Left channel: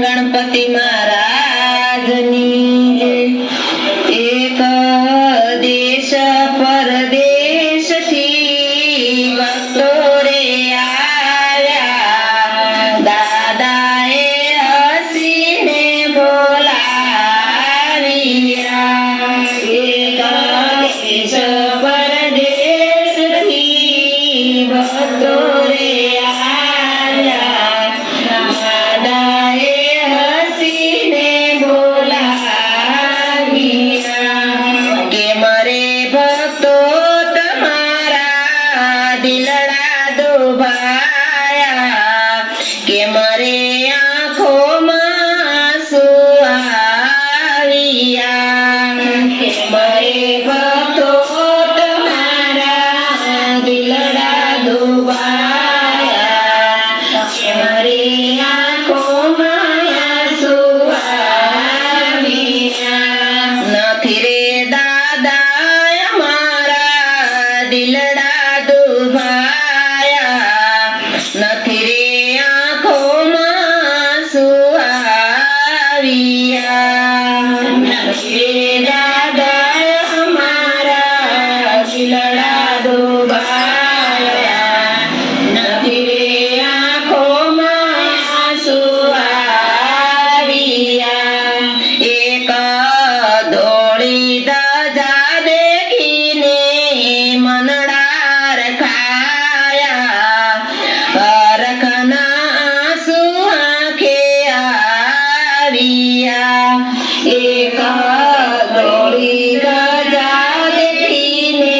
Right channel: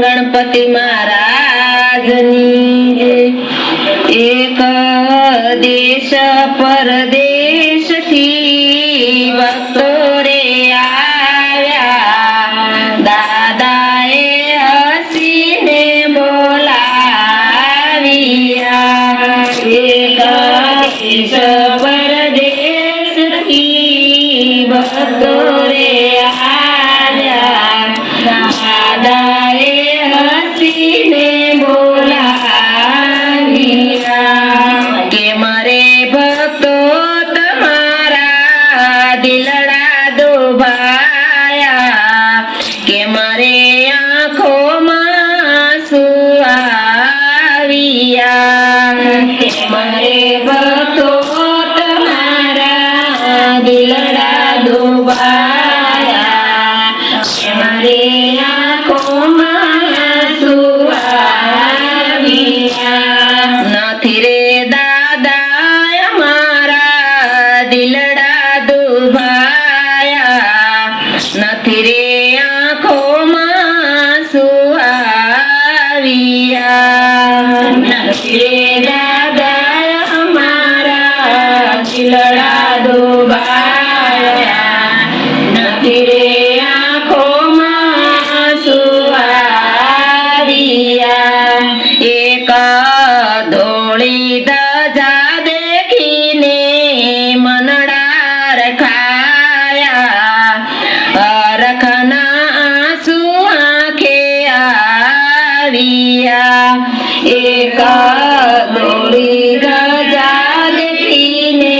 गणपति महाराजनी जय। एक देश परदेश थी भक्तो रे आव्या, दादाए हसीने बोलाविया। एक देश परदेश थी भक्तो रे आव्या, दादाए हसीने बोलाविया। के मरे भक्तो તમારા દિલડા દુભાયા, કે મારે આંખોમાં આંસુ આવ્યા। કે મારે ભક્તો તમારા દિલડા દુભાયા, કે મારે આંખોમાં આંસુ આવ્યા। નથી રે દાદા અમારા દિલડા દુભાયા, નથી રે આંખોમાં આંસુ આવ્યા। નથી રે દાદા અમારા દિલડા દુભાયા, નથી રે આંખોમાં આંસુ આવ્યા। એક ધોળી ધજા દેખીને મનડા રખાયા, રખના આંસુ આંખે આવ્યા। એક ધોળી ધજા દેખીને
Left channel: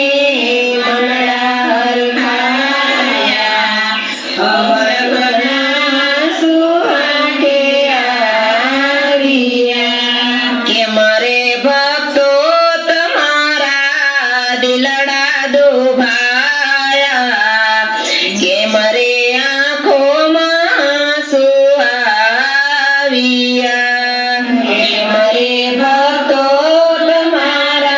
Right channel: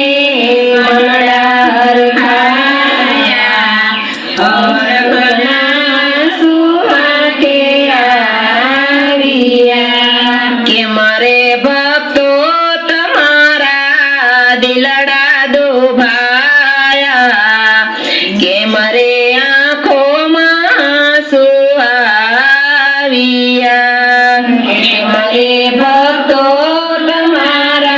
મનડા રખાયા, રખના આંસુ આંખે આવ્યા। કે મારે ભક્તો તમારા દિલડા દુભાયા, કે મારે આંખોમાં આંસુ આવ્યા। કે મારે ભક્તો તમારા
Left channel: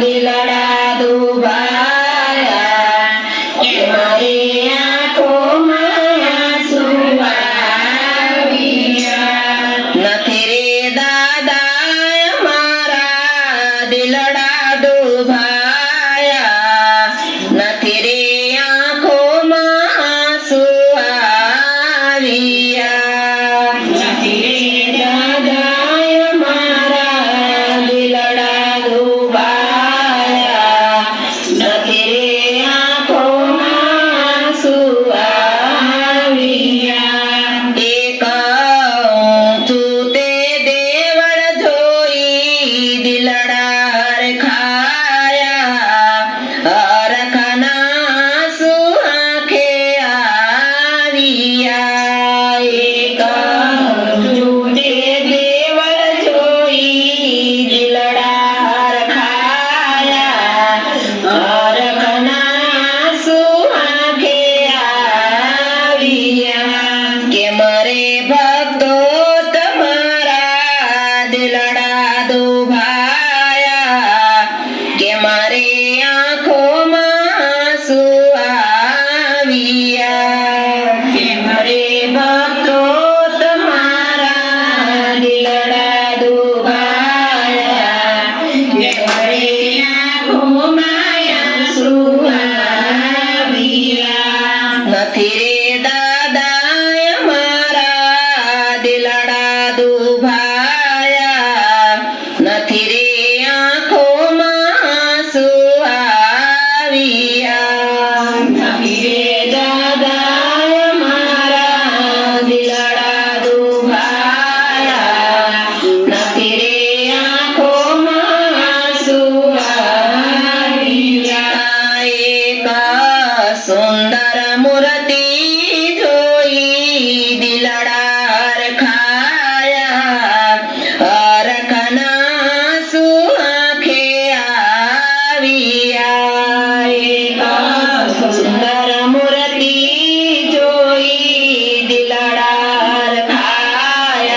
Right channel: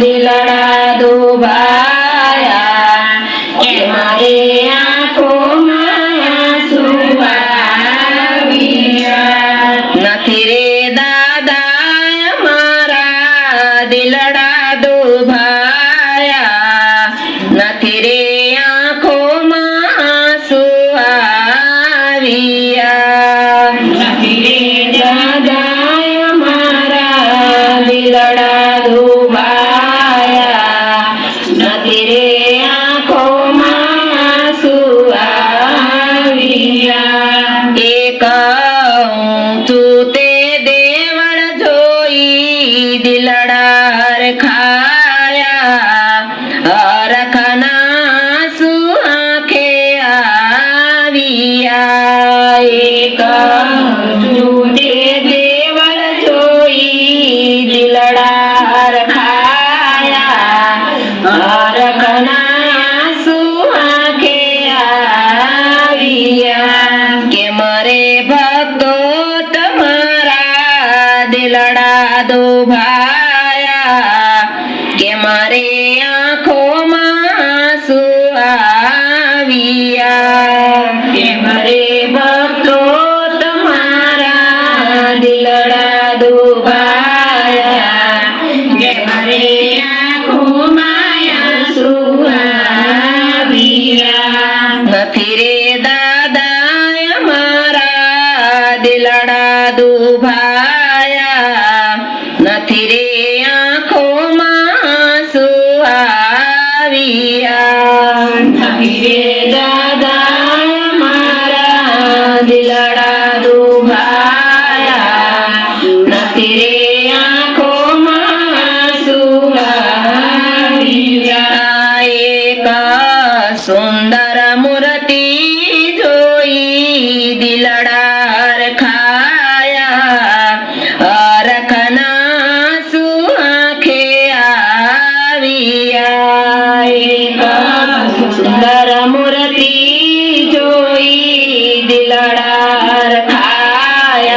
દિલડા દુભાયા, કે મારે આંખોમાં આંસુ આવ્યા। નથી રે દાદા અમારા દિલડા દુભાયા, નથી રે આંખોમાં આંસુ આવ્યા। નથી રે દાદા અમારા દિલડા દુભાયા, નથી રે આંખોમાં આંસુ આવ્યા। એક ઊંચું તે દેવળ જોઈ દિલડા રખાયા, રખના આંસુ આંખે આવ્યા। એક ઊંચું તે દેવળ જોઈ દિલડા રખાયા, રખના આંસુ આંખે આવ્યા। કે મારે ભક્તો તમારા દિલડા દુભાયા, કે મારે આંખોમાં આંસુ આવ્યા। કે મારે ભક્તો તમારા દિલડા દુભાયા, કે મારે આંખોમાં આંસુ આવ્યા। નથી રે દાદા અમારા દિલડા દુભાયા, નથી રે આંખોમાં આંસુ આવ્યા। નથી રે દાદા અમારા દિલડા દુભાયા, નથી રે આંખોમાં આંસુ આવ્યા। એક સુંદર મૂર્તિ જોઈ દિલડા રખાયા, રખના આંસુ આંખે આવ્યા। એક સુંદર મૂર્તિ જોઈ દિલડા રખાયા,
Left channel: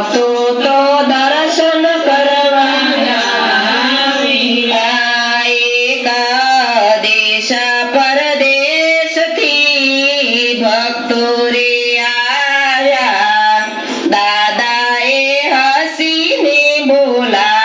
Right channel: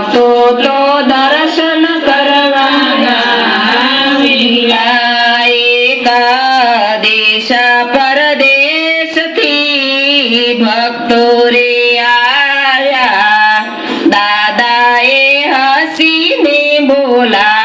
ભક્તો તો દર્શન કરવા આવ્યા. એકાદેશ પરદેશથી ભક્તો રે આવ્યા. દાદાએ હસીને બોલા